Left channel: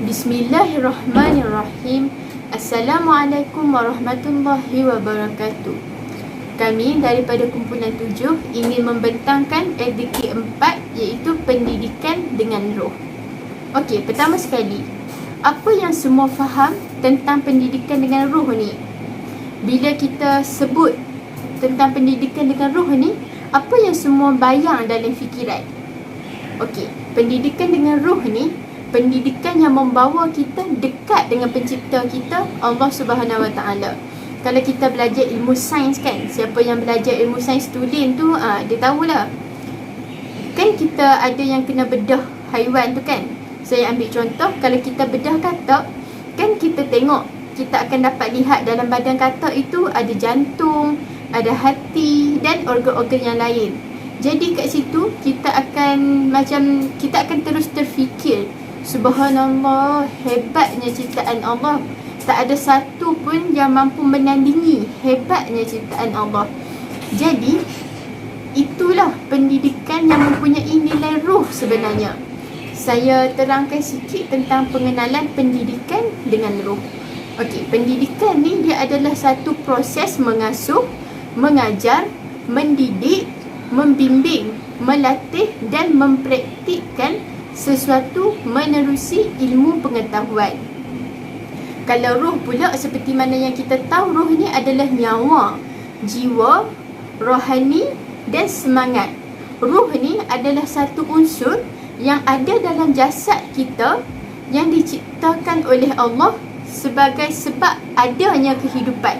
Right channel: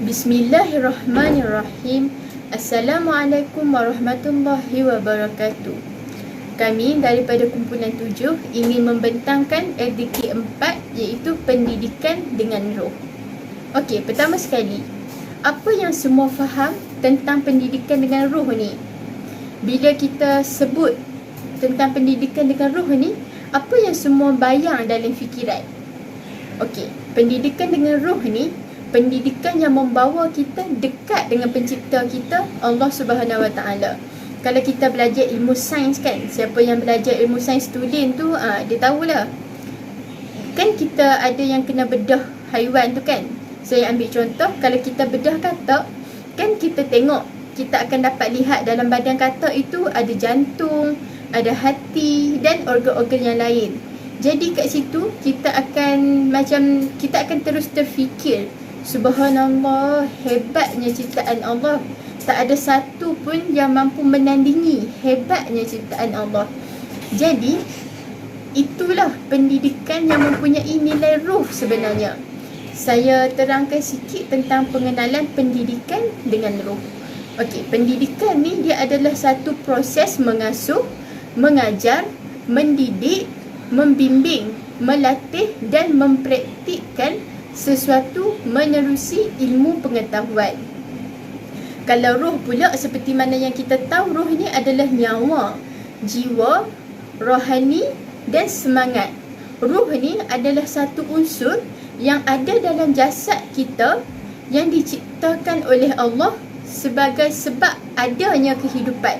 Bismillahirrahmanirrahim. Assalamualaikum warahmatullahi wabarakatuh. Kami daripada kumpulan 7 ingin membentangkan aktiviti 4 iaitu pendidikan dengan roh. Okey, pertama sekali, apa yang semua faham tentang pendidikan dengan roh ni? Bila kita sebut tentang pendidikan dengan roh ni, apa yang semua bayang dalam fikiran? Okey, pendidikan dengan roh ni pendidikan yang membawa kita dekat dengan pencipta kita, Allah Subhanahu Wa Taala. Kalau kita belajar ilmu sains kan, siapa yang belajar ilmu sains tulen tu, dia tahulah. Kan kita ada yang kena bedah haiwan tu kan. Saya ambil contoh, kalau kita bedah katak, kan kita tengok, kita akan dapat lihat dalam badan katak itu ada jantung, ada hati dan organ-organ yang lain. Jadi kat situ kita akan terus terfikir, subhanallah, hebatnya ciptaan Allah. Tak ada satu pun yang mampu menandingi hebatnya ciptaan Allah. Jadi itulah pendidikan yang mempunyai nilai ruh sebenarnya. Saya terangkan sikit tentang pengenalan pendidikan dengan ruh. Okey, pendidikan ni dia adalah satu proses mengasuh, mengajar, mendidik, membimbing, melatih dan mempraktikkan sesuatu menerusi ilmu pengetahuan. Kalau roh pula, seperti mana yang kita tahu, roh ni adalah nyawa, jiwa, rohani dan semangat. Roh ni adalah satu unsur yang ada dalam jasad kita yang diciptakan oleh Allah sebagai sebab adanya kehidupan.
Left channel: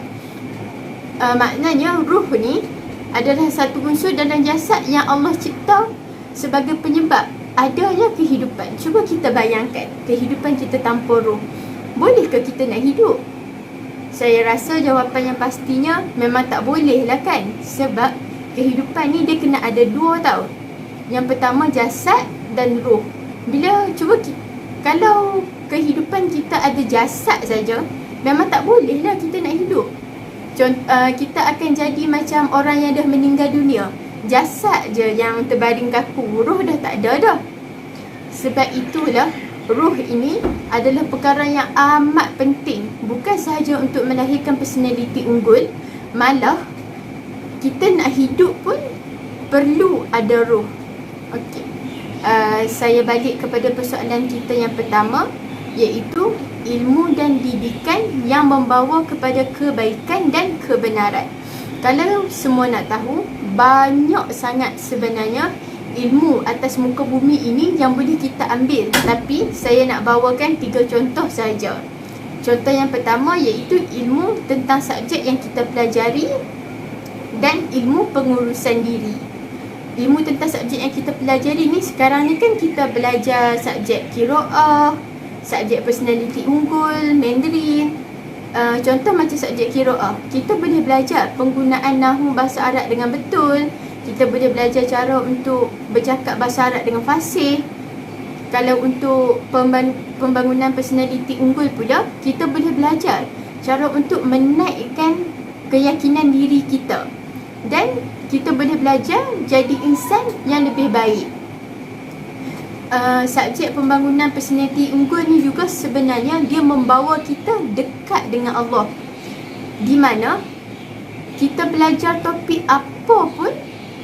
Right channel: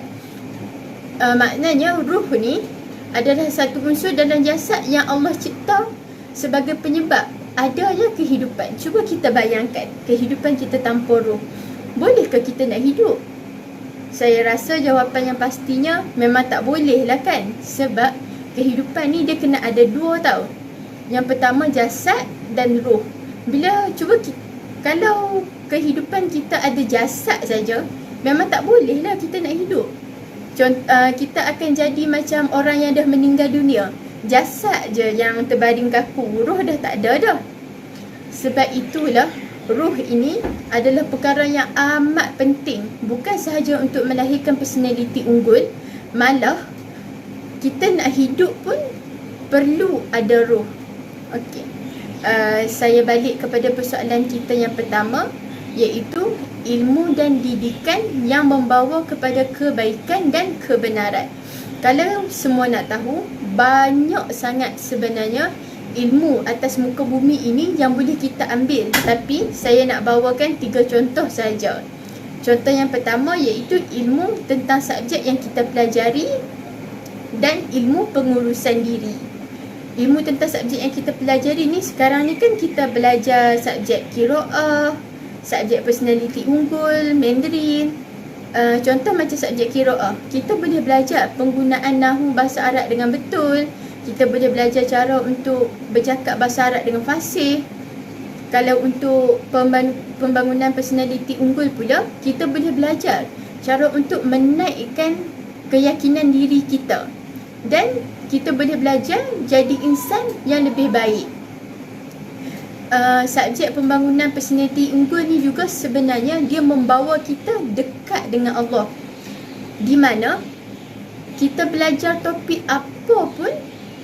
Maknanya roh ni adalah satu unsur dalam jasad yang Allah cipta sebagai penyebab adanya kehidupan. Cuba kita bayangkan kehidupan kita tanpa roh. Bolehkah kita nak hidup? Saya rasa jawapan yang pastinya memang tak boleh lah kan. Sebab kehidupan ni dia kena ada dua tau. Yang pertama jasad dan roh. Kalau kehidupan kita ada jasad saja, memang tak boleh lah kita nak hidup. Kita akan jadi macam orang yang dah meninggal dunia. Jasad je yang terbaring kaku, roh dah tak ada dah. Sebab itulah roh ini adalah perkara yang amat penting. Bukan sahaja untuk melahirkan personaliti unggul, malah kita nak hidup pun perlu ada roh. Okey. Saya balik kepada persoalan kita yang pertama, iaitu ilmu dan didikan yang membawa kepada kebaikan dan kebenaran. Kalau semua nak tahu, banyak sangat sebenarnya ilmu atas muka bumi ini yang boleh kita ambil. Tapi saya nak bawakan 3 contoh saja. Contoh yang pertama iaitu ilmu tentang subjek yang kita pelajari dan ilmu pengurusan diri. Ilmu tentang subjek yang kita pelajari ni, sekarang ni kan kita belajar subjek qiraah, subjek personaliti unggul, Mandarin. Contoh macam subjek qiraah, kita boleh belajar penggunaan nahwu bahasa Arab dengan betul. Kita boleh belajar cara untuk bercakap bahasa Arab dengan fasih. Kalau untuk pembangunan personaliti unggul pula, kita boleh belajar cara untuk menaikkan keyakinan diri kita. Dan kita boleh belajar jadi insan yang lebih baik. Subjek pembangunan personaliti unggul ni juga sebenarnya dia membawa kita dekat dengan Allah. Di mana kita belajar topik apa pun,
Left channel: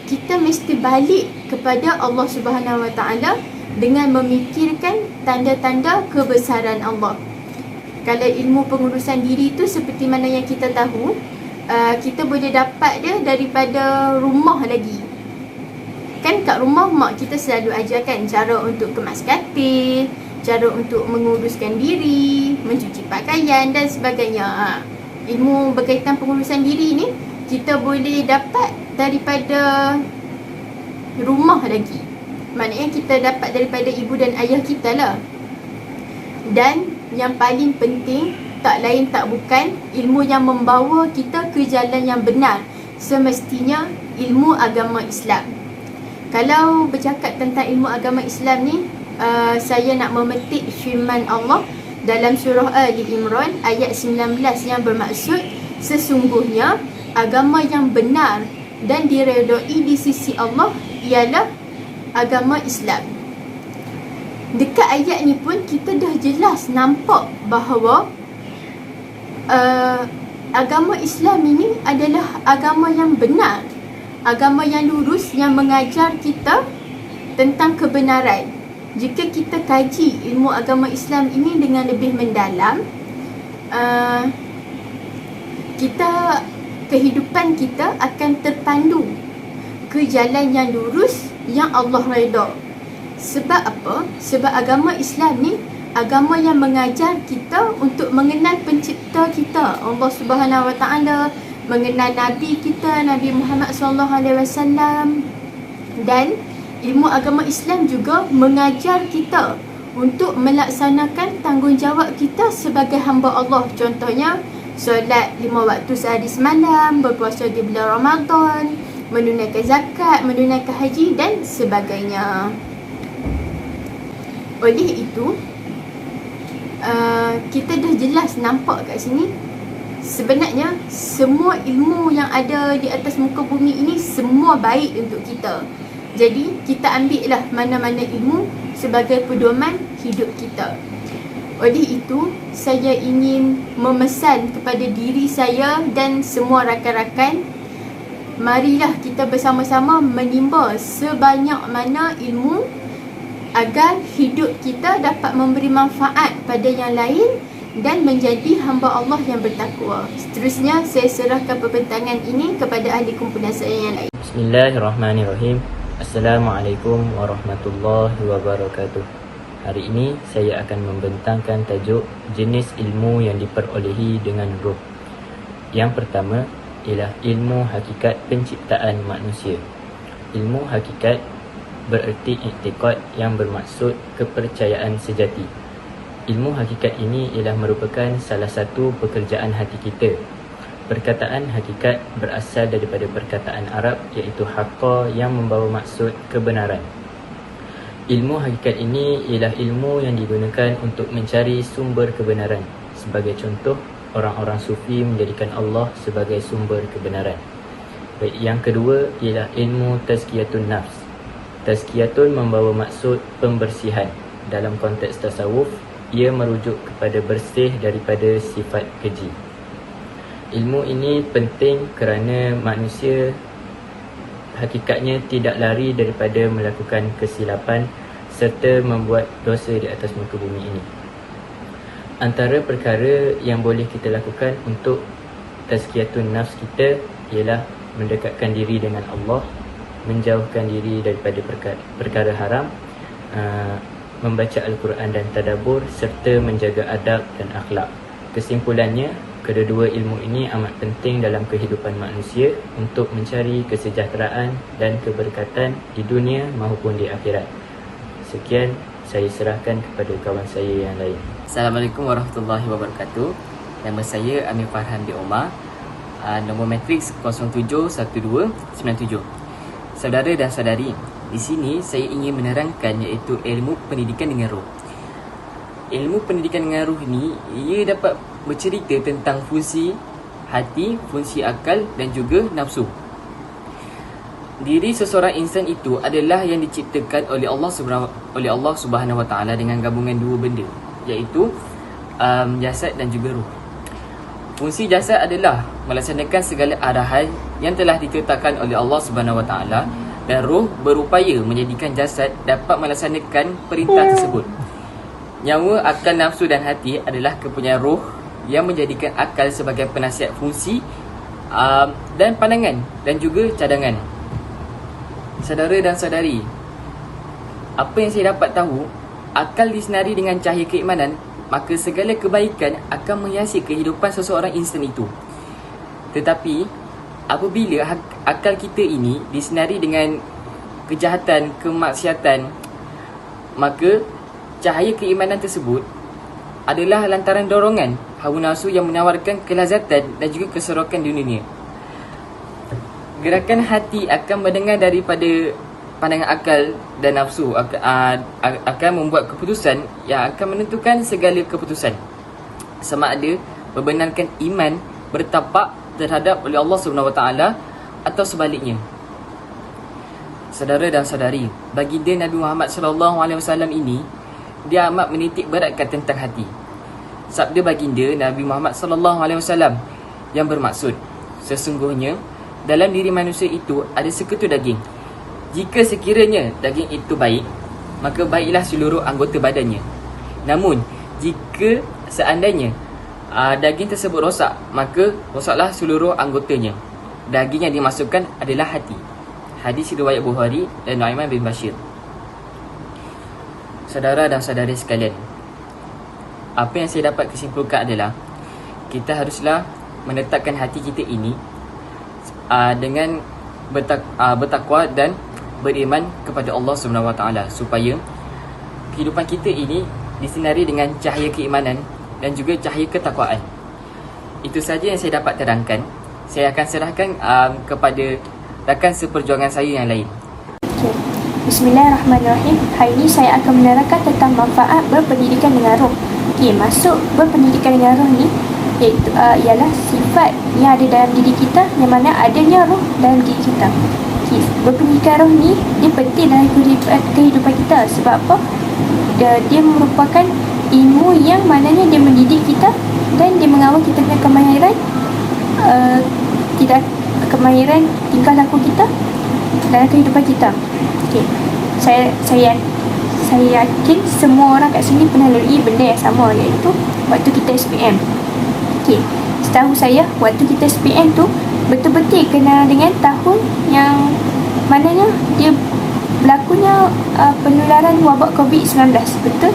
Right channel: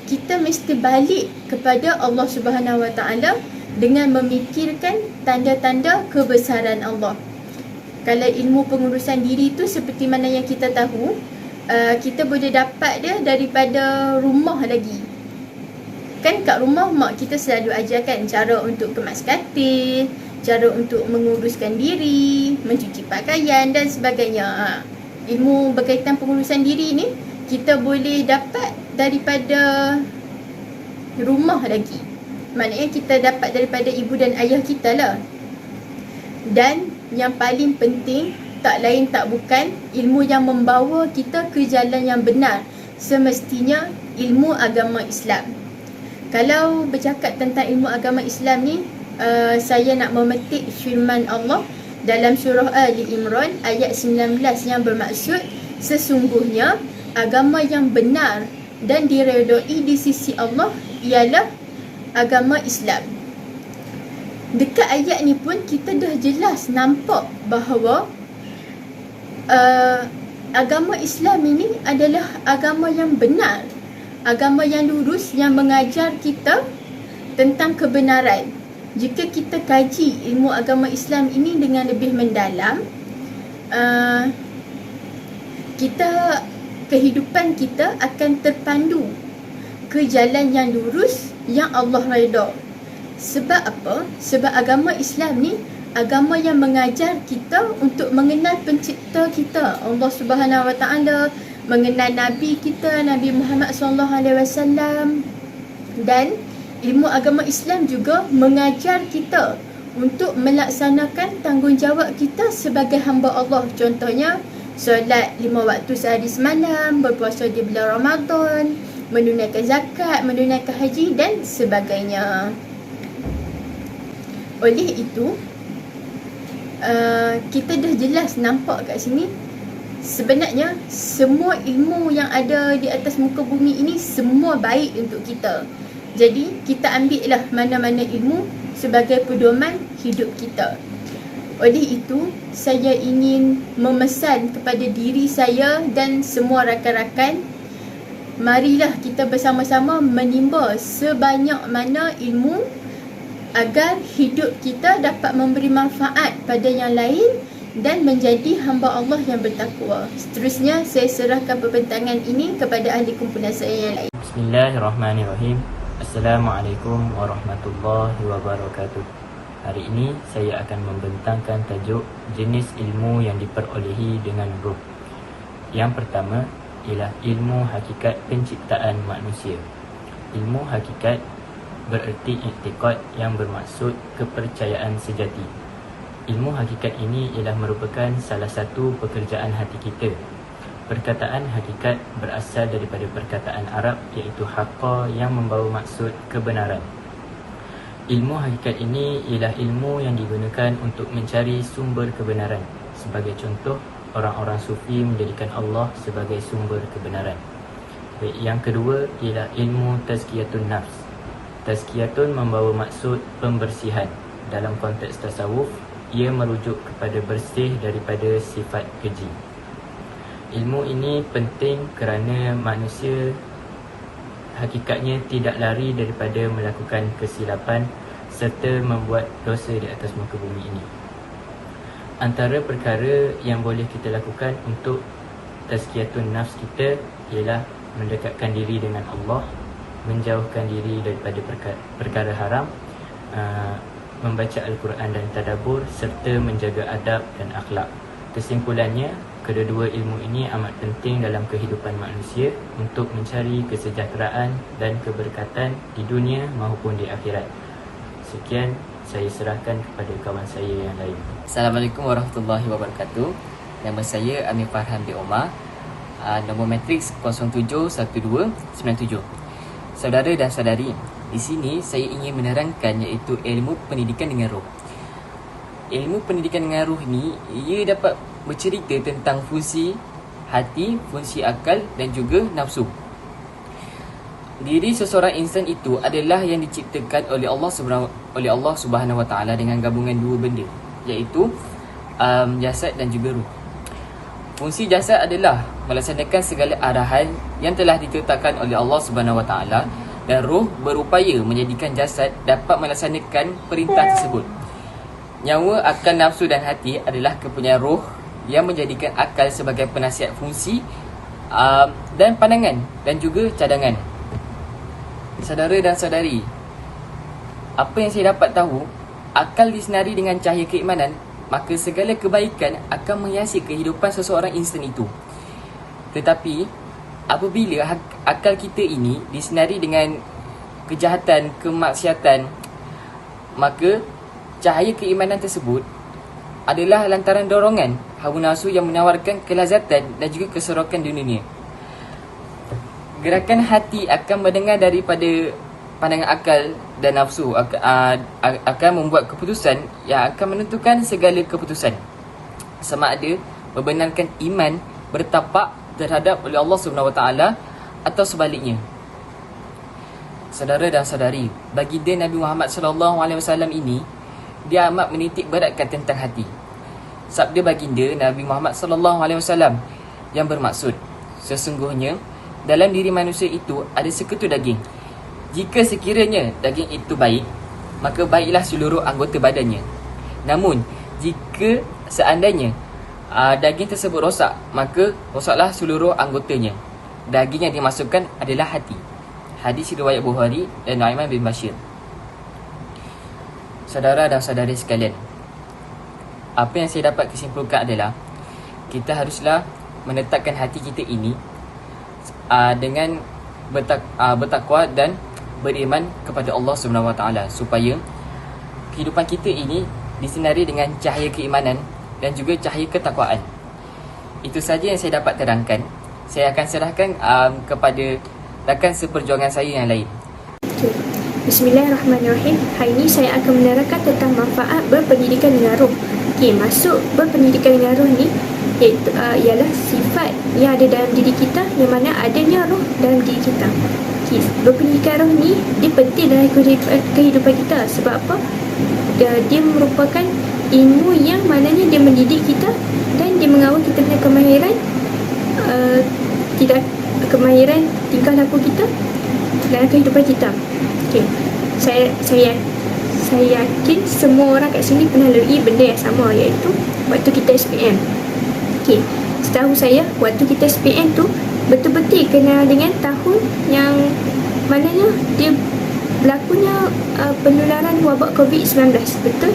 kita mesti balik kepada Allah Subhanahu Wa Taala dengan memikirkan tanda-tanda kebesaran Allah. Kalau ilmu pengurusan diri tu seperti mana yang kita tahu, kita boleh dapat dia daripada rumah lagi. Kan kat rumah mak kita selalu ajarkan cara untuk kemas katil, cara untuk menguruskan diri, mencuci pakaian dan sebagainya. Ilmu berkaitan pengurusan diri ni kita boleh dapat daripada rumah lagi. Maknanya kita dapat daripada ibu dan ayah kita lah. Dan yang paling penting, tak lain tak bukan, ilmu yang membawa kita ke jalan yang benar, semestinya ilmu agama Islam. Kalau bercakap tentang ilmu agama Islam ni, saya nak memetik firman Allah dalam surah Ali Imran ayat 19 yang bermaksud, sesungguhnya agama yang benar dan diredai di sisi Allah ialah agama Islam. dekat ayat ni pun kita dah jelas nampak bahawa agama Islam ini adalah agama yang benar, agama yang lurus, yang mengajar kita tentang kebenaran. Jika kita kaji ilmu agama Islam ini dengan lebih mendalam, kehidupan kita akan terpandu ke jalan yang lurus yang Allah redha. Sebab apa? Sebab agama Islam ni agama yang mengajar kita untuk mengenal pencipta kita, Allah Subhanahu Wa Taala, mengenal Nabi kita, Nabi Muhammad SAW. Dan ilmu agama Islam juga mengajar kita untuk melaksanakan tanggungjawab kita sebagai hamba Allah. Contohnya, solat 5 waktu sehari semalam, berpuasa di bulan Ramadan, menunaikan zakat, menunaikan haji dan sebagainya. Oleh itu, kita dah jelas nampak kat sini, sebenarnya semua ilmu yang ada di atas muka bumi ini semua baik untuk kita. Jadi kita ambillah mana-mana ilmu sebagai pedoman hidup kita. Oleh itu, saya ingin memesan kepada diri saya dan semua rakan-rakan, marilah kita bersama-sama menimba sebanyak mana ilmu agar hidup kita dapat memberi manfaat pada yang lain dan menjadi hamba Allah yang bertakwa. Seterusnya, saya serahkan pembentangan ini kepada ahli kumpulan saya yang lain. Bismillahirrahmanirrahim. Assalamualaikum warahmatullahi wabarakatuh. Hari ini saya akan membentangkan tajuk jenis ilmu yang diperolehi dengan roh. Yang pertama ialah ilmu hakikat penciptaan manusia. Ilmu hakikat bererti iktikad yang bermaksud kepercayaan sejati. Ilmu hakikat ini ialah merupakan salah satu pekerjaan hati kita. Perkataan hakikat berasal daripada perkataan Arab iaitu haqqa yang membawa maksud kebenaran. Ilmu hakikat ini ialah ilmu yang digunakan untuk mencari sumber kebenaran. Sebagai contoh, orang-orang sufi menjadikan Allah sebagai sumber kebenaran. Baik, yang kedua ialah ilmu tazkiyatun nafs. Tazkiyatun membawa maksud pembersihan. Dalam konteks tasawuf, ia merujuk kepada bersih daripada sifat keji. Ilmu ini penting kerana manusia hakikatnya tidak lari daripada melakukan kesilapan serta membuat dosa di atas muka bumi ini. Antara perkara yang boleh kita lakukan untuk tazkiyatun nafs kita ialah mendekatkan diri dengan Allah, menjauhkan diri daripada perkara haram, membaca Al-Quran dan tadabbur serta menjaga adab dan akhlak. Kesimpulannya, kedua-dua ilmu ini amat penting dalam kehidupan manusia untuk mencari kesejahteraan dan keberkatan di dunia maupun di akhirat. Sekian, saya serahkan kepada kawan saya yang lain. Assalamualaikum warahmatullahi wabarakatuh. Nama saya Amir Farhan bin Omar. Nombor matriks 071297. Saudara dan saudari, di sini saya ingin menerangkan iaitu ilmu pendidikan dengan roh. Ilmu pendidikan dengan roh ni, ia dapat bercerita tentang fungsi hati, fungsi akal dan juga nafsu. Diri seseorang insan itu adalah yang diciptakan oleh Allah Subhanahu Wa Taala dengan gabungan dua benda, iaitu jasad dan juga roh. Fungsi jasad adalah melaksanakan segala arahan yang telah ditetapkan oleh Allah Subhanahu Wa Taala, dan roh berupaya menjadikan jasad dapat melaksanakan perintah tersebut. Nyawa, akal, nafsu dan hati adalah kepunyaan roh yang menjadikan akal sebagai penasihat fungsi dan pandangan dan juga cadangan. Saudara dan saudari, apa yang saya dapat tahu, akal disinari dengan cahaya keimanan, maka segala kebaikan akan menghiasi kehidupan seseorang insan itu. Tetapi apabila akal kita ini disinari dengan kejahatan, kemaksiatan, maka cahaya keimanan tersebut adalah lantaran dorongan hawa nafsu yang menawarkan kelazatan dan juga keserokan di dunia. Gerakan hati akan mendengar daripada pandangan akal dan nafsu akan membuat keputusan yang akan menentukan segala keputusan, sama ada membenarkan iman bertapak terhadap oleh Allah Subhanahu Wa Taala atau sebaliknya. Saudara dan saudari, baginda Nabi Muhammad SAW ini dia amat menitik beratkan tentang hati. Sabda baginda Nabi Muhammad sallallahu alaihi wasallam yang bermaksud, sesungguhnya dalam diri manusia itu ada sekutu daging. Jika sekiranya daging itu baik, maka baiklah seluruh anggota badannya. Namun jika seandainya daging tersebut rosak, maka rosaklah seluruh anggotanya. Daging yang dimasukkan adalah hati. Hadis riwayat Bukhari dan Nu'aiman bin Bashir. Saudara dan saudari sekalian, apa yang saya dapat kesimpulkan adalah kita haruslah menetapkan hati kita ini dengan bertakwa dan beriman kepada Allah Subhanahu Wa Taala, supaya kehidupan kita ini disinari dengan cahaya keimanan dan juga cahaya ketakwaan. Itu saja yang saya dapat terangkan. Saya akan serahkan kepada rakan seperjuangan saya yang lain. Bismillahirrahmanirrahim. Hari ini saya akan menerangkan tentang manfaat berpendidikan dengan roh. Maksud berpendidikan dengan roh ni iaitu ialah sifat yang ada dalam diri kita, yang mana adanya roh dalam diri kita. Berpendidikan roh ni dia penting dalam kehidupan kita. Sebab apa? Dia merupakan ilmu yang mananya dia mendidik kita dan dia mengawal kita dengan kemahiran kemahiran tingkah laku kita dalam kehidupan kita. Saya yakin semua orang kat sini pernah lalui benda yang sama, iaitu waktu kita SPM. Setahu saya, waktu kita SPM tu betul-betul kena dengan tahun yang mananya dia berlakunya penularan wabak COVID-19. Betul?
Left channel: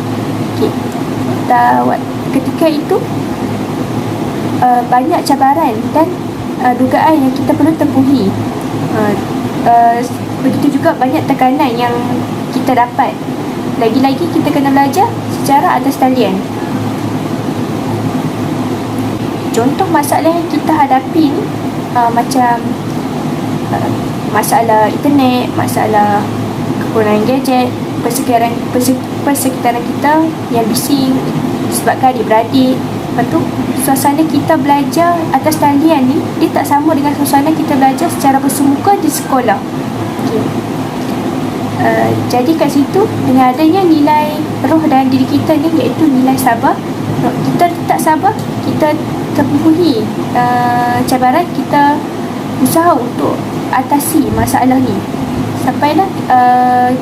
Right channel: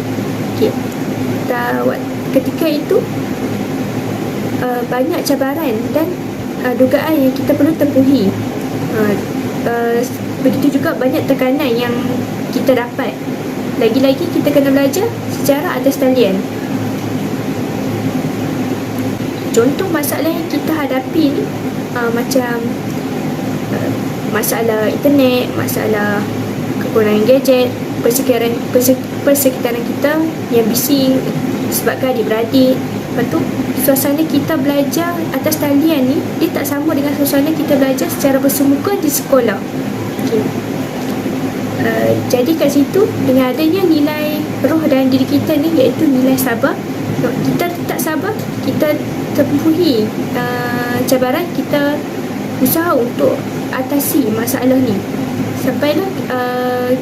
Ketika itu banyak cabaran dan dugaan yang kita perlu tempuhi. Begitu juga banyak tekanan yang kita dapat. Lagi-lagi kita kena belajar secara atas talian. Contoh masalah yang kita hadapi ni macam masalah internet, masalah kekurangan gadget, persekitaran kita yang bising sebabkan adik-beradik. Lepas tu suasana kita belajar atas talian ni dia tak sama dengan suasana kita belajar secara bersemuka di sekolah. Jadi kat situ, dengan adanya nilai roh dalam diri kita ni, iaitu nilai sabar, kita tak sabar, kita tempuhi cabaran, kita usaha untuk atasi masalah ni sampailah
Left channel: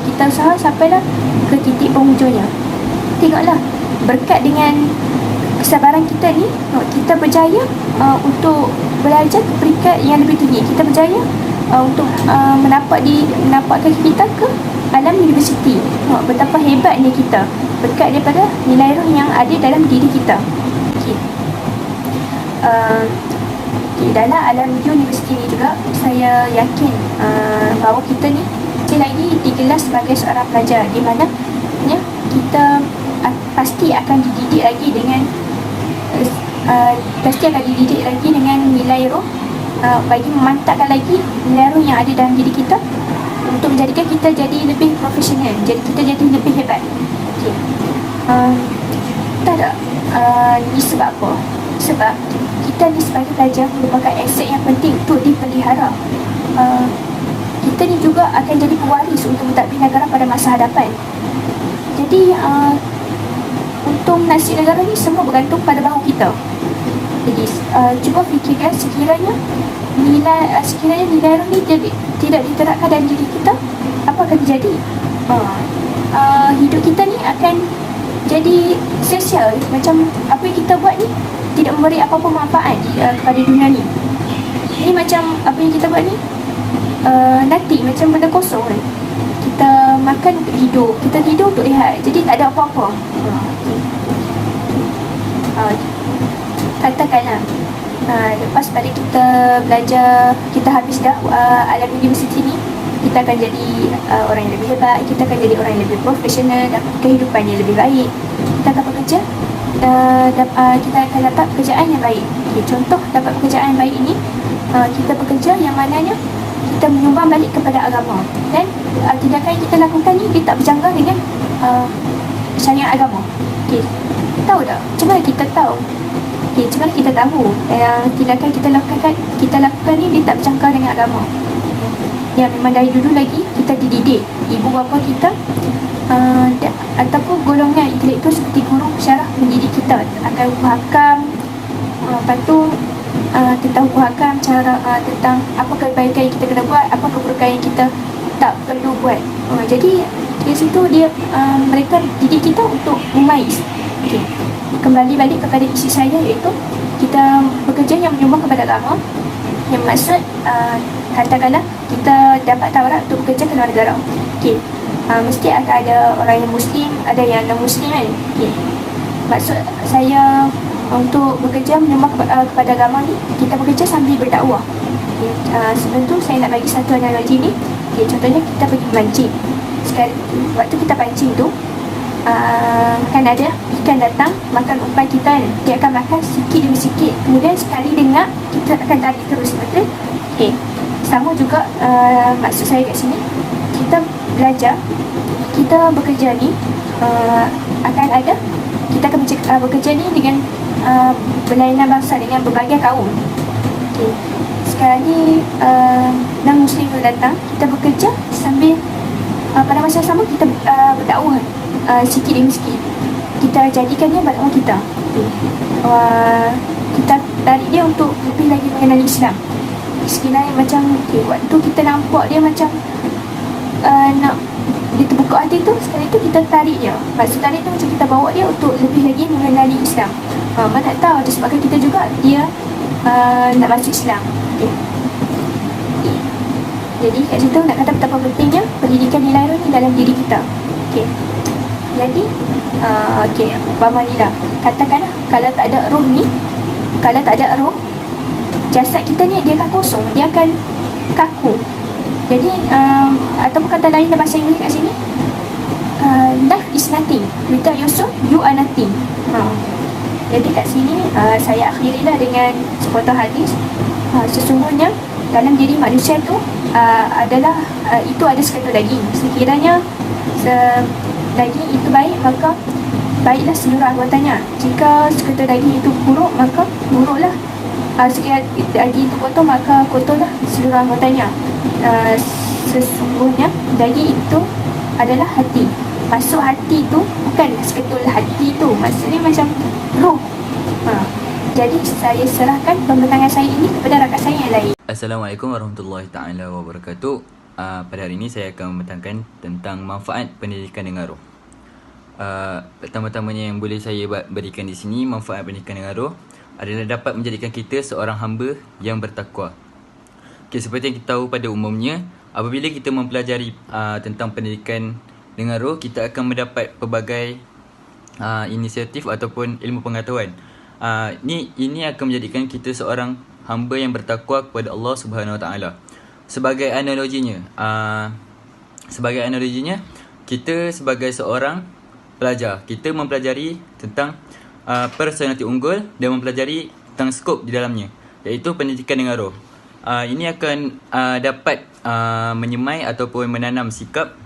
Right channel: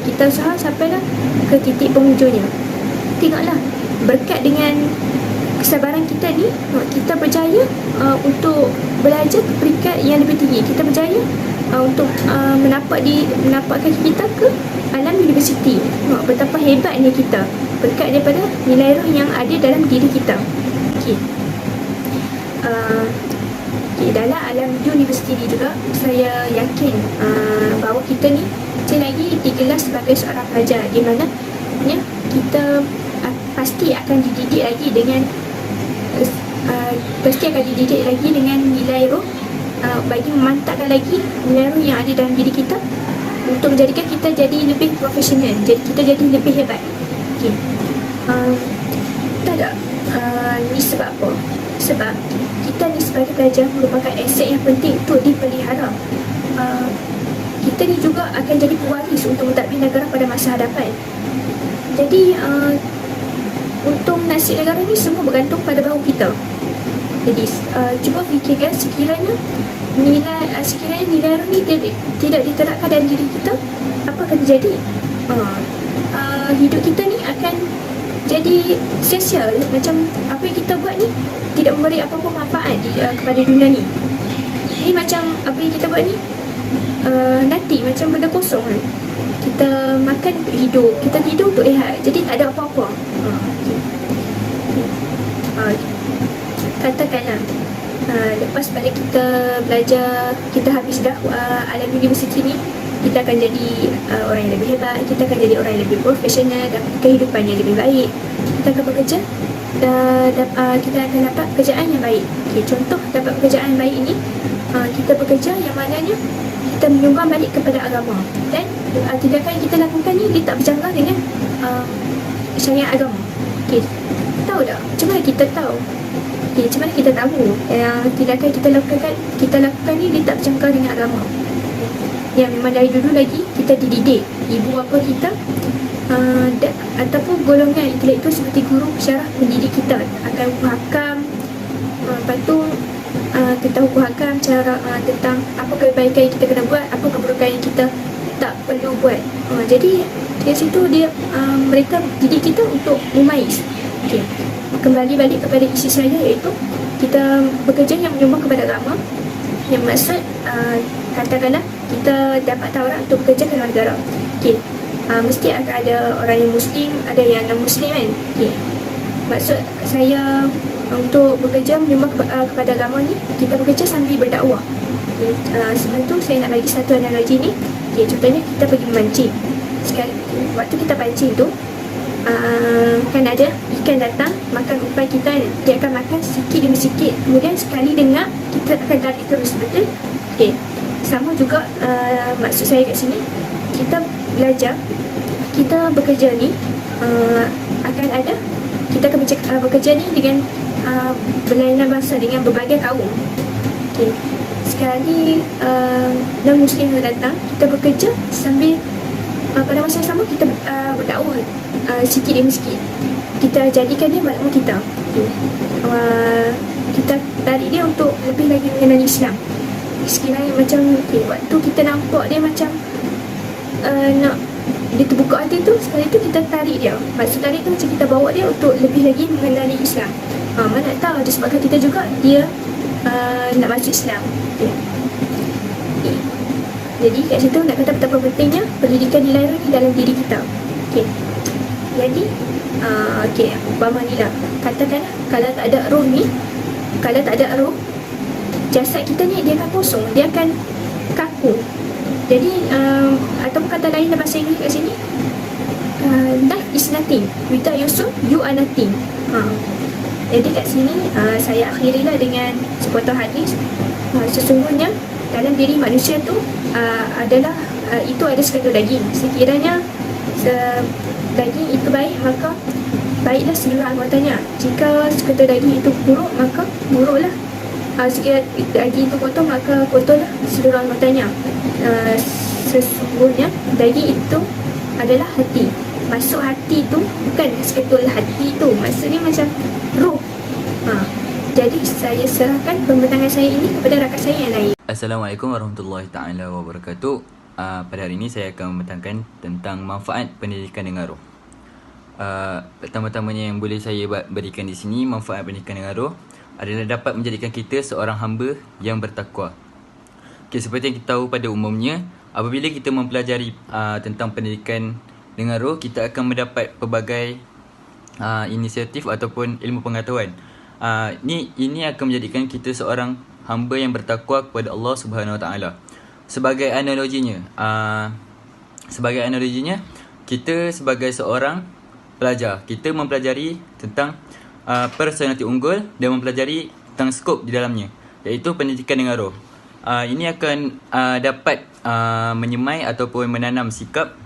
kita usaha sampailah ke titik penghujungnya. Tengoklah, berkat dengan kesabaran kita ni, kita berjaya untuk belajar ke peringkat yang lebih tinggi. Kita berjaya untuk menampakkan kita ke alam universiti. Betapa hebatnya kita berkat daripada nilai roh yang ada dalam diri kita. Dalam alam universiti ni juga, saya yakin bahawa kita ni lagi digelar sebagai seorang pelajar, di mana kita pasti akan dididik lagi dengan nilai roh, bagi memantapkan lagi nilai roh yang ada dalam diri kita untuk menjadikan kita jadi lebih profesional, jadi kita jadi lebih hebat. Tak ada. Ini sebab apa? Sebab kita ni sebagai pelajar merupakan aset yang penting untuk dipelihara. Kita ni juga akan jadi pewaris untuk mentadbir negara pada masa hadapan. Jadi untuk nasib negara ni semua bergantung pada bahu kita. Jadi cuba fikirkan, sekiranya nilai roh ni tidak diterapkan dalam diri kita, apa akan terjadi? Hidup kita ni akan jadi sia-sia. Macam apa yang kita buat ni tidak memberi apa-apa manfaat kepada dunia ni. Ini macam apa yang kita buat ni nanti macam benda kosong kan. Kita makan, hidup, kita tidur untuk lihat, jadi tak ada apa-apa. Katakanlah lepas pada kita belajar, kita habis dah alam universiti ni, kita akan jadi orang yang lebih hebat, kita akan jadi orang yang lebih profesional dan kehidupan yang lebih baik. Kita akan bekerja, kita akan dapat pekerjaan yang baik. Contoh dapat pekerjaan yang baik ini, kita bekerja yang mananya kita menyumbang balik kepada agama, dan tindakan yang kita lakukan ni dia tak berjanggal dengan syariat agama. Tahu tak? Macam mana kita tahu? Macam mana kita tahu tindakan kita lakukan ni dia tak berjanggal dengan agama? Yang memang dari dulu lagi kita dididik, ibu bapa kita ataupun golongan intelektual seperti guru syarah mendidik kita akan hukum hakam, lepas tu tentang hukum hakam, tentang apa kebaikan yang kita kena buat, apa keburukan yang kita tak perlu buat. Jadi dari situ mereka didik kita untuk memais. Okay. Kembali balik kepada isi saya, iaitu kita bekerja yang menyumbang kepada agama, yang maksud katakanlah kita dapat tawaran untuk bekerja ke luar negara. Okay. Mesti akan ada orang yang Muslim, ada yang non-Muslim kan. Okay. Maksud saya untuk bekerja menyumbang kepada agama ni, kita bekerja sambil berdakwah. Okay. Sebelum tu saya nak bagi satu analogi ni. Okay. Contohnya kita pergi memancing. Sekali, waktu kita pancing tu, kan ada ikan datang makan umpan kita, dia akan makan sikit demi sikit, kemudian sekali dengar kita akan tarik terus, betul? Okay. Sama juga maksud saya kat sini, kita belajar, kita bekerja ni akan ada, kita akan bekerja ni dengan berlainan bangsa, dengan berbagai kaum. Okay. Sekarang ni non-Muslim datang, kita bekerja sambil pada masa yang sama kita berdakwah sikit demi sikit. Kita jadikan dia berdakwah kita. Kita tarik dia untuk lebih lagi mengenali Islam. Sekiranya macam waktu kita nampak dia macam nak dia terbuka hati tu, sekali tu kita tarik dia. Maksud tarik tu macam kita bawa dia untuk lebih lagi mengenali Islam. Mana tahu disebabkan kita juga dia nak masuk Islam. Jadi kat situ nak kata betapa pentingnya pendidikan nilai roh ni dalam diri kita. Okay. Jadi umpama ni lah, katakanlah kalau tak ada roh ni, kalau tak ada roh, jasad kita ni dia akan kosong, dia akan kaku. Jadi ataupun kata lain dalam bahasa Inggeris kat sini, life is nothing, without your soul you are nothing. Jadi kat sini saya akhirilah dengan sepotong hadis. Sesungguhnya dalam diri manusia tu adalah itu ada seketul daging. Sekiranya daging itu baik, maka baiklah seluruh anggotanya. Jika seketul daging itu buruk, maka buruklah. Sekiranya daging itu kotor, maka kotorlah seluruh anggotanya. Sesungguhnya daging itu adalah hati. Masuk hati tu bukan seketul hati tu, maksudnya macam roh. Jadi saya serahkan pembentangan saya ini kepada rakan saya yang lain. Assalamualaikum warahmatullahi taala wabarakatuh. Pada hari ini saya akan membentangkan tentang manfaat pendidikan dengan roh. Pertama-tamanya yang boleh saya berikan di sini, manfaat pendidikan dengan roh adalah dapat menjadikan kita seorang hamba yang bertakwa. Okay, seperti yang kita tahu pada umumnya, apabila kita mempelajari tentang pendidikan dengan roh, kita akan mendapat pelbagai inisiatif ataupun ilmu pengetahuan. Ini akan menjadikan kita seorang hamba yang bertakwa kepada Allah Subhanahu Wa Taala. Sebagai analoginya, kita sebagai seorang pelajar, kita mempelajari tentang personaliti unggul dan mempelajari tentang skop di dalamnya, iaitu pendidikan dengan roh. Ini akan dapat menyemai ataupun menanam sikap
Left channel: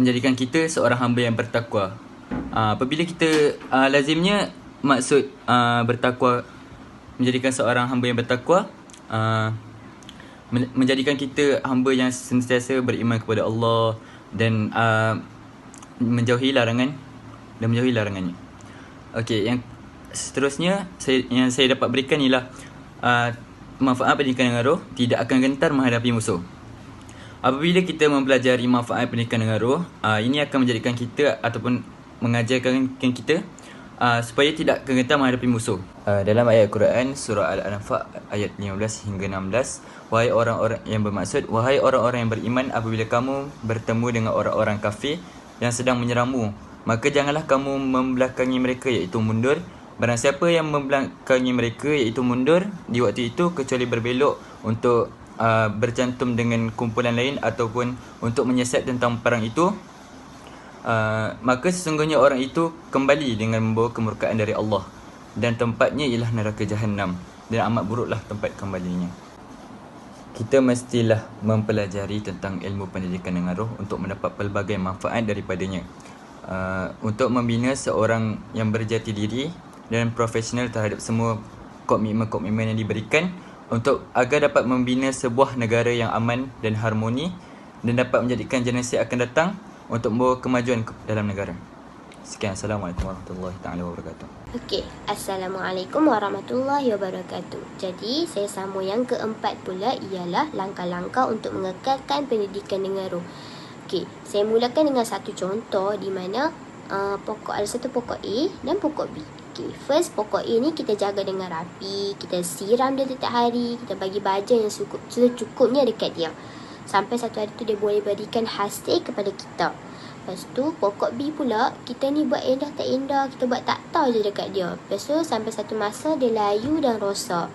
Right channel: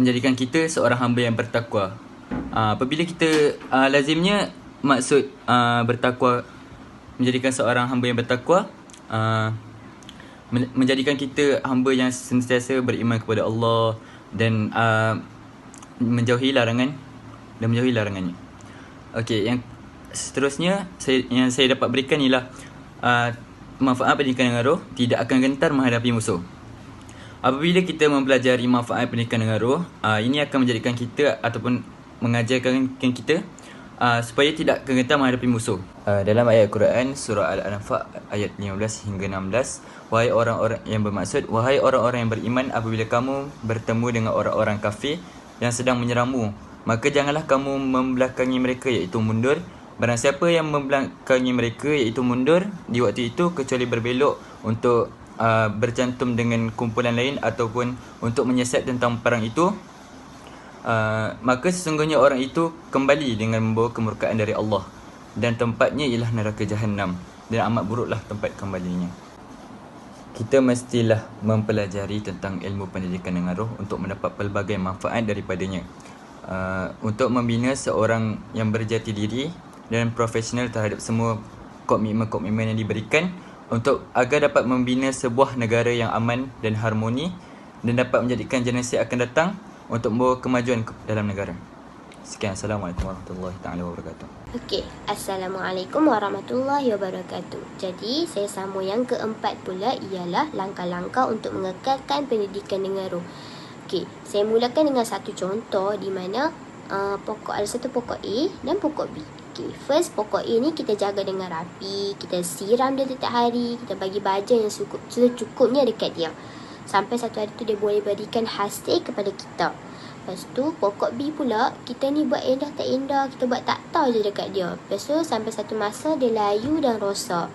menjadikan kita seorang hamba yang bertakwa. Apabila kita lazimnya maksud bertakwa, menjadikan seorang hamba yang bertakwa, menjadikan kita hamba yang sentiasa beriman kepada Allah dan menjauhi larangannya. Okey, yang seterusnya yang saya dapat berikan ialah manfaat pendidikan dengan roh tidak akan gentar menghadapi musuh. Apabila kita mempelajari manfaat pendidikan dengan roh, ini akan menjadikan kita ataupun mengajarkan kita supaya tidak gentar menghadapi musuh. Dalam ayat Quran surah Al-Anfal ayat 15 hingga 16, wahai orang-orang yang bermaksud, wahai orang-orang yang beriman, apabila kamu bertemu dengan orang-orang kafir yang sedang menyerangmu, maka janganlah kamu membelakangi mereka, iaitu mundur. Barang siapa yang membelakangi mereka, iaitu mundur di waktu itu, kecuali berbelok untuk bercantum dengan kumpulan lain ataupun untuk menyiasat tentang perang itu, maka sesungguhnya orang itu kembali dengan membawa kemurkaan dari Allah, dan tempatnya ialah neraka Jahannam, dan amat buruklah tempat kembalinya. Kita mestilah mempelajari tentang ilmu pendidikan dengan roh untuk mendapat pelbagai manfaat daripadanya, untuk membina seorang yang berjati diri dan profesional terhadap semua komitmen-komitmen yang diberikan, untuk agar dapat membina sebuah negara yang aman dan harmoni, dan dapat menjadikan generasi akan datang untuk membawa kemajuan dalam negara. Sekian. Assalamualaikum warahmatullahi taala wabarakatuh. Okey, Assalamualaikum warahmatullahi wabarakatuh. Jadi, saya sambung yang keempat pula ialah langkah-langkah untuk mengekalkan pendidikan dengan roh. Okey, saya mulakan dengan satu contoh di mana ada satu pokok A dan pokok B. Okay, first pokok A ni kita jaga dengan rapi, kita siram dia setiap hari, kita bagi baja yang secukupnya dekat dia. Sampai satu hari tu dia boleh berikan hasil kepada kita. Lepas tu pokok B pula, kita ni buat indah tak indah, kita buat tak tahu je dekat dia. Lepas tu sampai satu masa dia layu dan rosak.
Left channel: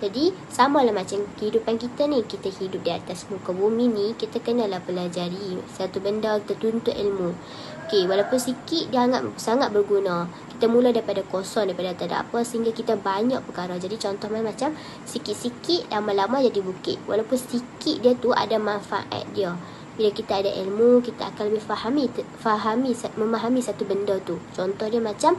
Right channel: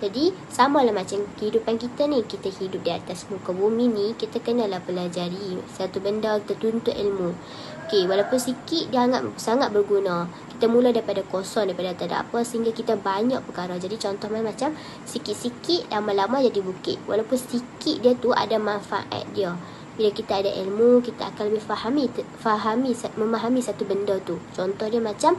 Jadi samalah macam kehidupan kita ni, kita hidup di atas muka bumi ni, kita kenalah pelajari satu benda, kita tuntut ilmu. Okey, walaupun sikit dia sangat berguna. Kita mula daripada kosong, daripada tak ada apa, sehingga kita banyak perkara. Jadi contoh macam sikit-sikit lama-lama jadi bukit. Walaupun sikit dia tu ada manfaat dia. Bila kita ada ilmu, kita akan lebih memahami satu benda tu. Contoh dia macam,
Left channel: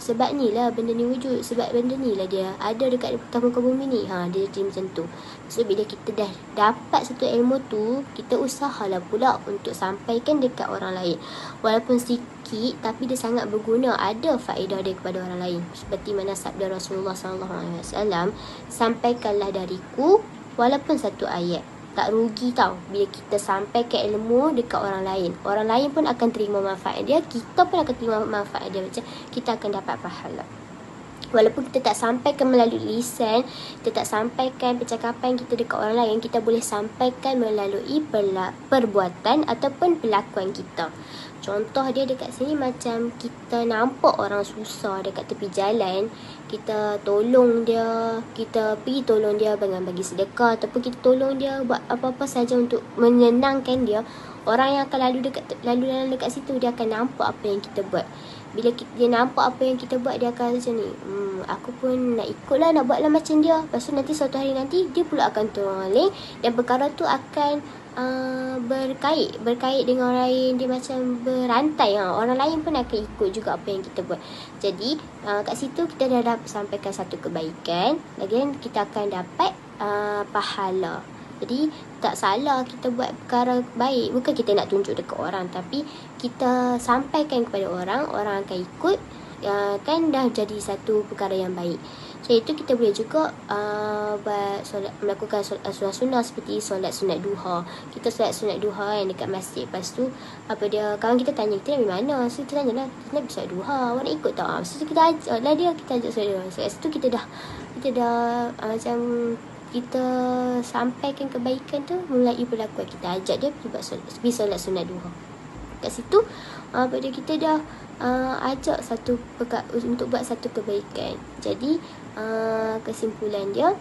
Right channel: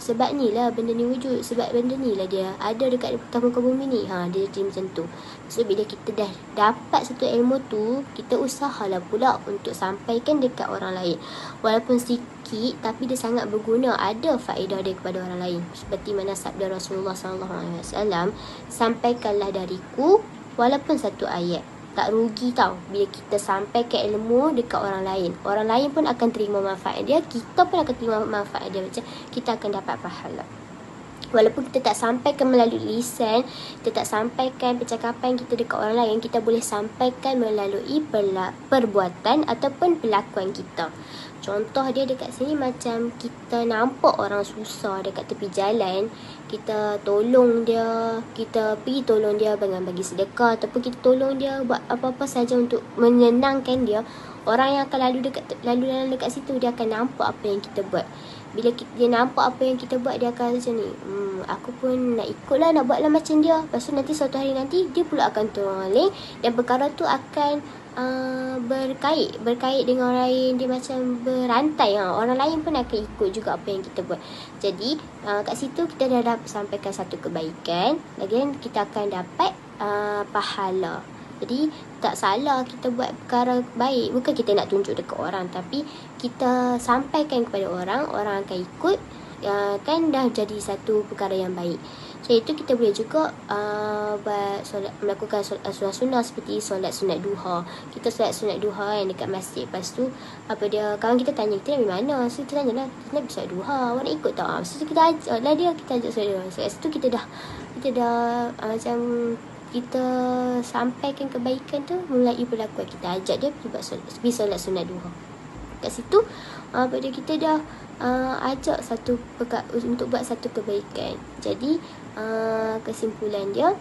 sebab ni lah benda ni wujud, sebab benda ni lah dia ada dekat muka bumi ni. Dia jadi macam tu. So bila kita dah dapat satu ilmu tu, kita usahalah pula untuk sampaikan dekat orang lain. Walaupun sikit, tapi dia sangat berguna, ada faedah dia kepada orang lain. Seperti mana sabda Rasulullah SAW, sampaikanlah dariku walaupun satu ayat. Tak rugi tau bila kita sampaikan ilmu dekat orang lain. Orang lain pun akan terima manfaat dia, kita pun akan terima manfaat dia. Macam kita akan dapat pahala. Walaupun kita tak sampaikan melalui lisan, kita tak sampaikan percakapan kita dekat orang lain, kita boleh sampaikan melalui perbuatan ataupun perlakuan kita. Contoh dia dekat sini macam kita nampak orang susah dekat tepi jalan, kita tolong dia, kita pergi tolong dia dengan bagi sedekah ataupun kita tolong dia buat apa-apa saja untuk menyenangkan dia. Orang yang akan lalu dekat situ, dia akan nampak apa yang kita buat. Bila dia nampak apa yang kita buat, dia akan macam ni, aku pun nak ikutlah, nak buatlah macam dia. Lepas tu nanti suatu hari nanti dia pula akan tolong dan perkara tu akan berkait dengan orang lain. Dia macam berantai. Orang lain pun akan ikut juga apa yang kita buat. Jadi kat situ kita dah dapat sampaikan satu kebaikan, lagian kita akan dapat pahala. Jadi tak salah kita buat perkara baik. Bukan kita nak tunjuk dekat orang, tapi kita sampaikan kepada orang, orang akan ikut. Kan dah jadi satu perkara yang baik. So itu kita boleh juga melakukan solat sunnah seperti solat sunat duha. Kita solat sunat duha yang dekat masjid. Lepas tu kawan kita tanya kita dari mana. So kita tanya lah, kita nak solat duha, awak nak ikut tak? So kita ajak lah dia, kita ajak solat duha. So kat situ kita dah macam kita sampaikan kebaikan tu melalui perlakuan. Kita ajak dia pergi solat sunat duha. Kat situ kita dah ajak untuk buat satu kebaikan. Jadi kesimpulan dia,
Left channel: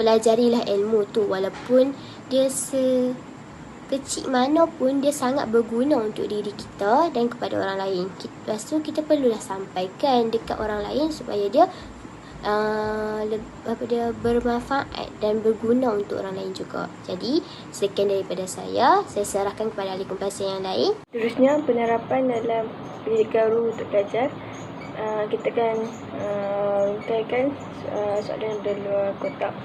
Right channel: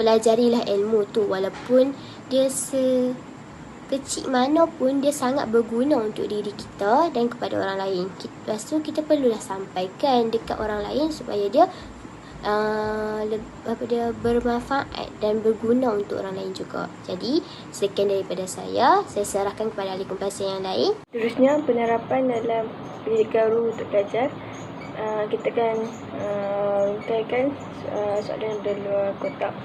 pelajarilah ilmu tu, walaupun dia sekecil mana pun, dia sangat berguna untuk diri kita dan kepada orang lain. Lepas tu kita perlulah sampaikan dekat orang lain supaya dia dia bermanfaat dan berguna untuk orang lain juga. Jadi sekian daripada saya serahkan kepada ahli kompulsi yang lain. Terusnya, penerapan dalam pendidikan ruh untuk pelajar. Kita akan uraikan soalan dari luar kotak.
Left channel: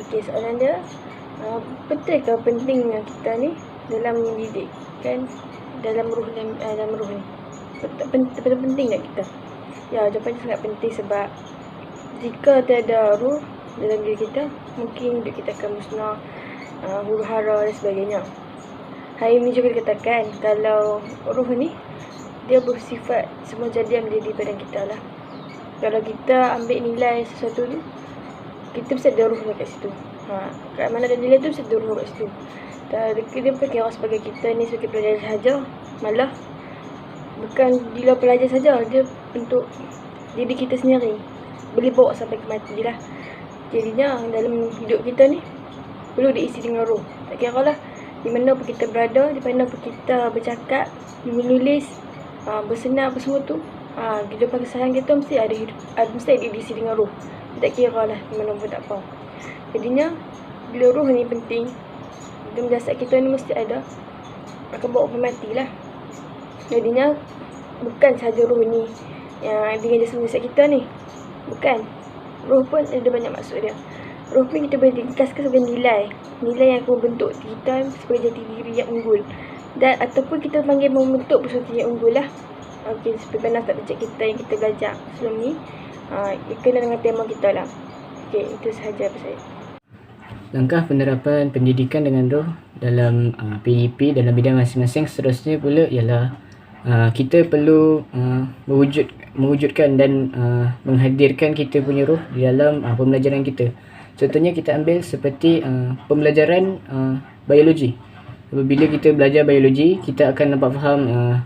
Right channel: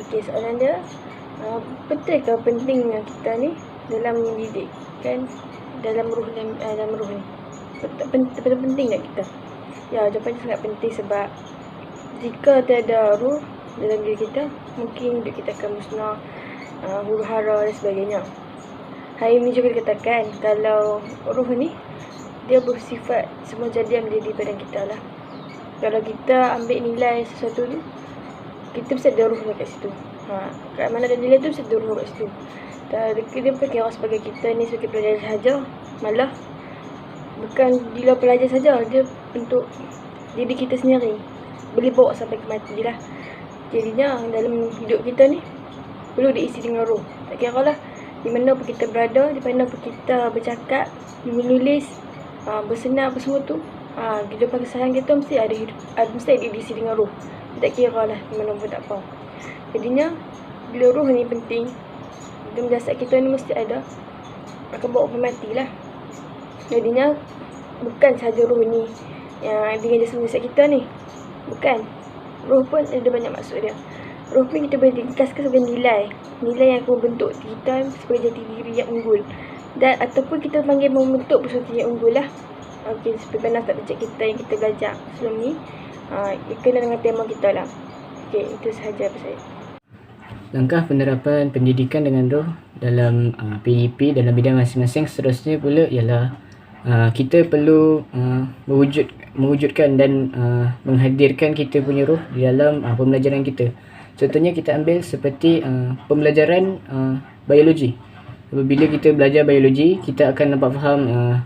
Okey, soalan dia, betulkah pentingnya kita ni dalam mendidik kan dalam ruh ni? Betul penting tak kita? Ya, jawapannya sangat penting, sebab jika tiada ruh dalam diri kita, mungkin hidup kita akan musnah, huru hara dan sebagainya. Hari ini juga dikatakan kalau ruh ni dia bersifat semua jadi yang menjadi badan kita lah. Kalau kita ambil nilai sesuatu ni, kita mesti ada ruh kat situ. Kat mana ada nilai tu, mesti ada ruh kat situ. Dia bukan kira sebagai kita ni sebagai pelajar sahaja. Malah bukan dia pelajar saja, dia untuk diri kita sendiri, boleh bawa sampai ke mati lah. Jadinya dalam hidup kita ni perlu diisi dengan roh. Tak kira lah di mana pun kita berada, di mana pun kita bercakap, menulis, bersenam, apa semua tu, kehidupan keseharian kita mesti ada diisi dengan roh. Tak kira lah di mana pun, tak apa. Jadinya bila roh ni penting, dalam jasad kita ni mesti ada, akan bawa sampai mati lah. Jadinya bukan sahaja roh ni yang dengan jasad kita ni, bukan. Roh pun ada banyak maksud dia. roh pun kita boleh ringkaskan sebagai nilai yang akan membentuk kita sebagai jati diri yang unggul, dan ataupun kita panggil membentuk sesuatu yang unggul lah. Okey, seperti mana subjek kita yang kita belajar sebelum ni, kena dengan tema kita lah. Okey, itu sahaja apa saya. Langkah penerapan pendidikan dengan roh dalam PDP dalam bidang masing-masing seterusnya pula ialah kita perlu mewujudkan dan menghadirkan kita punya roh di dalam pembelajaran kita. Contohnya kita ambil seperti pembelajaran biologi. Apabila kita belajar biologi, kita akan dapat faham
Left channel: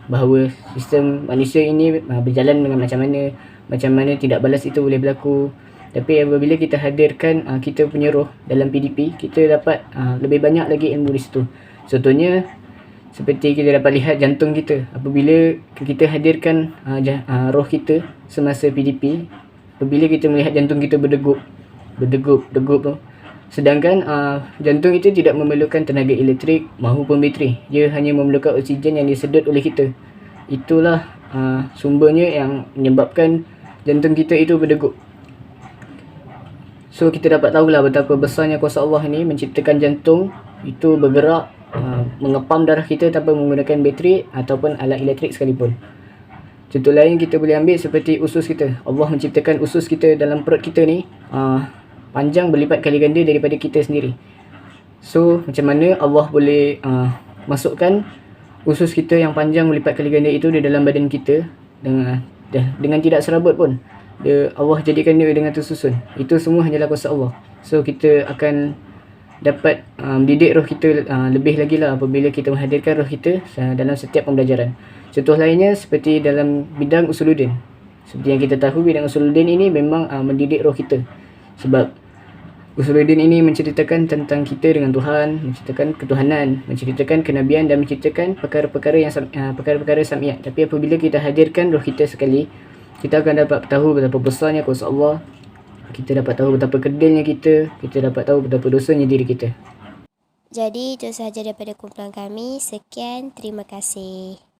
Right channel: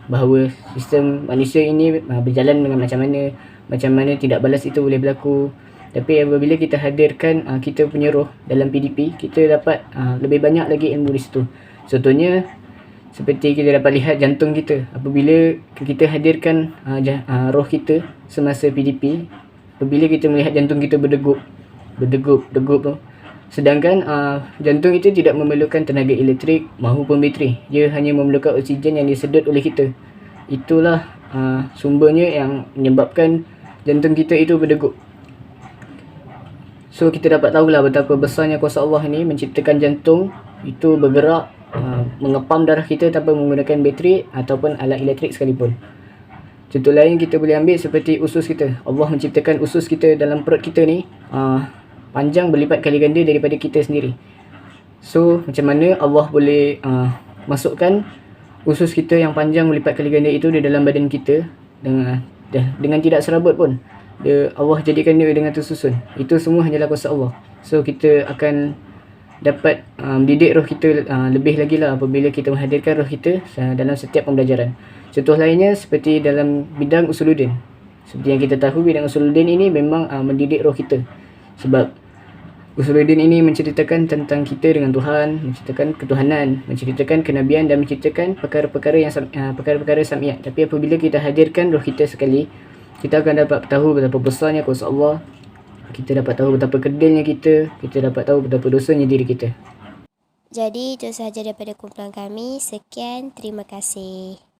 bahawa sistem manusia ini berjalan dengan macam mana tidak balas itu boleh berlaku. Tapi apabila kita hadirkan kita punya roh dalam PDP, kita dapat lebih banyak lagi ilmu di situ. Contohnya seperti kita dapat lihat jantung kita. Apabila kita hadirkan roh kita semasa PDP, apabila kita melihat jantung kita berdegup tu. Sedangkan jantung itu tidak memerlukan tenaga elektrik maupun bateri. Dia hanya memerlukan oksigen yang disedut oleh kita. Itulah sumbernya yang menyebabkan jantung kita itu berdegup. So kita dapat tahulah betapa besarnya kuasa Allah ni menciptakan jantung itu bergerak mengepam darah kita tanpa menggunakan bateri ataupun alat elektrik sekalipun. Contoh lain kita boleh ambil seperti usus kita. Allah menciptakan usus kita dalam perut kita ni panjang berlipat kali ganda daripada kita sendiri. So macam mana Allah boleh masukkan usus kita yang panjang berlipat kali ganda itu di dalam badan kita dengan tidak serabut pun. Allah jadikan dia dengan tersusun. Itu semua hanyalah kuasa Allah. So kita akan dapat mendidik roh kita lebih lagi lah apabila kita menghadirkan roh kita dalam setiap pembelajaran. Contoh lainnya seperti dalam bidang usuluddin. Seperti yang kita tahu, bidang usuluddin ini memang mendidik roh kita. Sebab usuluddin ini menceritakan tentang kita dengan Tuhan, menceritakan ketuhanan, menceritakan kenabian dan menceritakan perkara-perkara sam'iyat. Tapi apabila kita hadirkan roh kita sekali, kita akan dapat tahu betapa besarnya kuasa Allah. Kita dapat tahu betapa kedilnya kita dapat tahu betapa dosanya diri kita. Jadi itu sahaja daripada kumpulan kami. Sekian, terima kasih.